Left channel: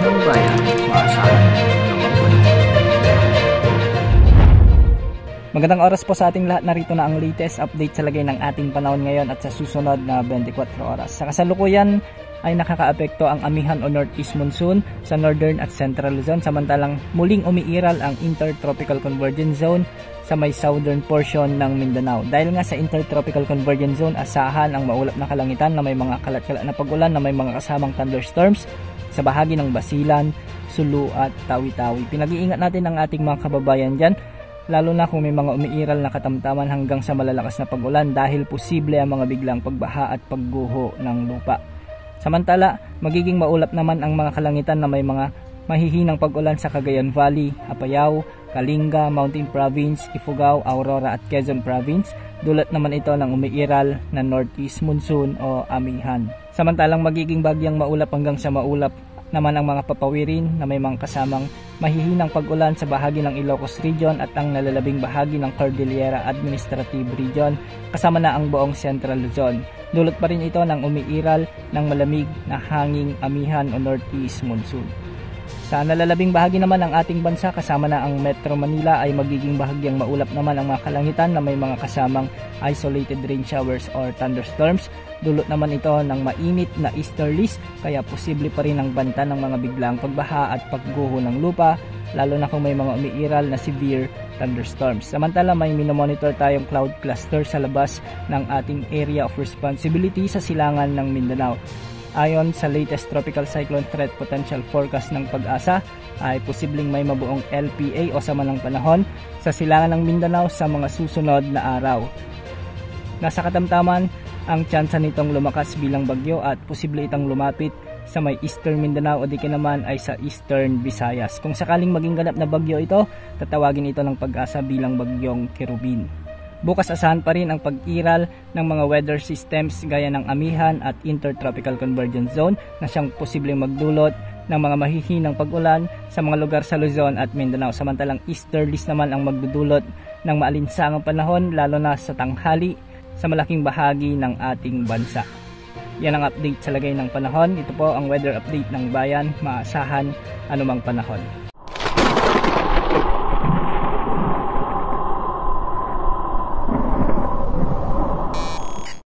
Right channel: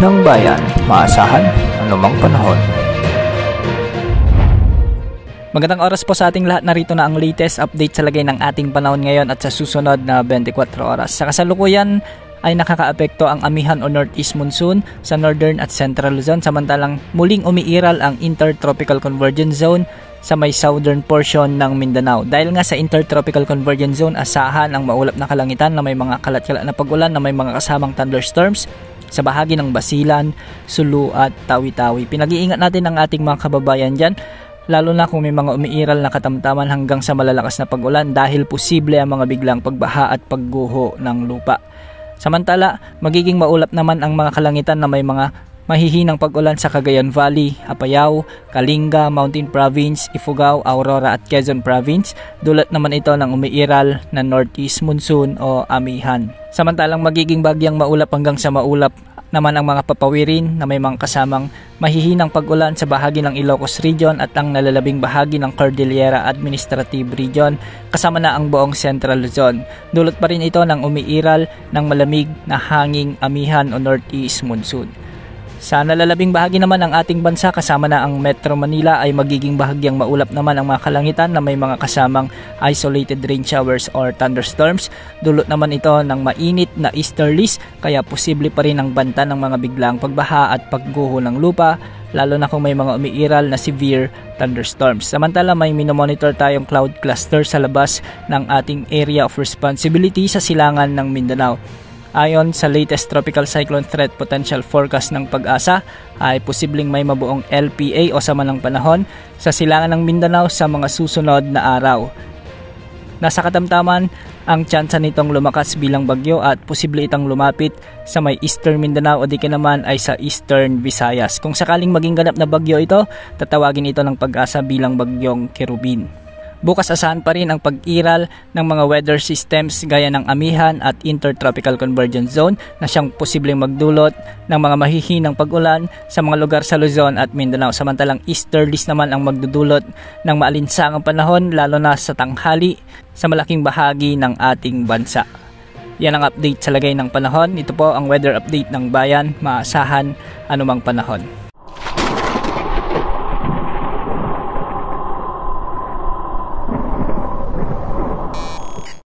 ng bayan, maasahan anumang panahon. Magandang oras po sa ating lahat. Narito na ang latest update sa lagay ng ating panahon ngayon at sa susunod na 24 oras. Sa kasalukuyan ay nakakaapekto ang amihan o northeast monsoon sa northern at central Luzon, samantalang muling umiiral ang intertropical convergence zone sa may southern portion ng Mindanao. Dahil nga sa intertropical convergence zone, asahan ang maulap na kalangitan na may mga kalat-kalat na pag-ulan na may mga kasamang thunderstorms sa bahagi ng Basilan, Sulu at Tawi-Tawi. Pinag-iingat natin ang ating mga kababayan dyan, lalo na kung may mga umiiral na katamtaman hanggang sa malalakas na pag-ulan dahil posible ang mga biglang pagbaha at pagguho ng lupa. Samantala, magiging maulap naman ang mga kalangitan na may mga mahihinang pag-ulan sa Cagayan Valley, Apayao, Kalinga, Mountain Province, Ifugao, Aurora at Quezon Province. Dulot naman ito ng umiiral na northeast monsoon o amihan. Samantalang magiging bagyang maulap hanggang sa maulap naman ang mga papawirin na may mga kasamang mahihinang pag-ulan sa bahagi ng Ilocos Region at ang nalalabing bahagi ng Cordillera Administrative Region, kasama na ang buong Central Luzon. Dulot pa rin ito ng umiiral ng malamig na hanging amihan o northeast monsoon. Sa nalalabing bahagi naman ng ating bansa, kasama na ang Metro Manila, ay magiging bahagyang maulap naman ang mga kalangitan na may mga kasamang isolated rain showers or thunderstorms. Dulot naman ito ng mainit na easterlies, kaya posible pa rin ang banta ng mga biglang pagbaha at pagguho ng lupa, lalo na kung may mga umiiral na severe thunderstorms. Samantala, may minomonitor tayong cloud cluster sa labas ng ating area of responsibility sa silangan ng Mindanao. Ayon sa latest Tropical Cyclone Threat Potential Forecast ng Pag-asa, ay posibleng may mabuong LPA o sama ng panahon sa silangan ng Mindanao sa mga susunod na araw. Nasa katamtaman ang tsansa nitong lumakas bilang bagyo at posible itang lumapit sa may Eastern Mindanao o di naman ay sa Eastern Visayas. Kung sakaling maging ganap na bagyo ito, tatawagin ito ng Pag-asa bilang bagyong Kerubin. Bukas asahan pa rin ang pag-iral ng mga weather systems gaya ng amihan at intertropical convergence zone na siyang posibleng magdulot ng mga mahihinang pag-ulan sa mga lugar sa Luzon at Mindanao. Samantalang easterlies naman ang magdudulot ng maalinsangang panahon lalo na sa tanghali sa malaking bahagi ng ating bansa. Yan ang update sa lagay ng panahon. Ito po ang weather update ng bayan, maasahan anumang panahon.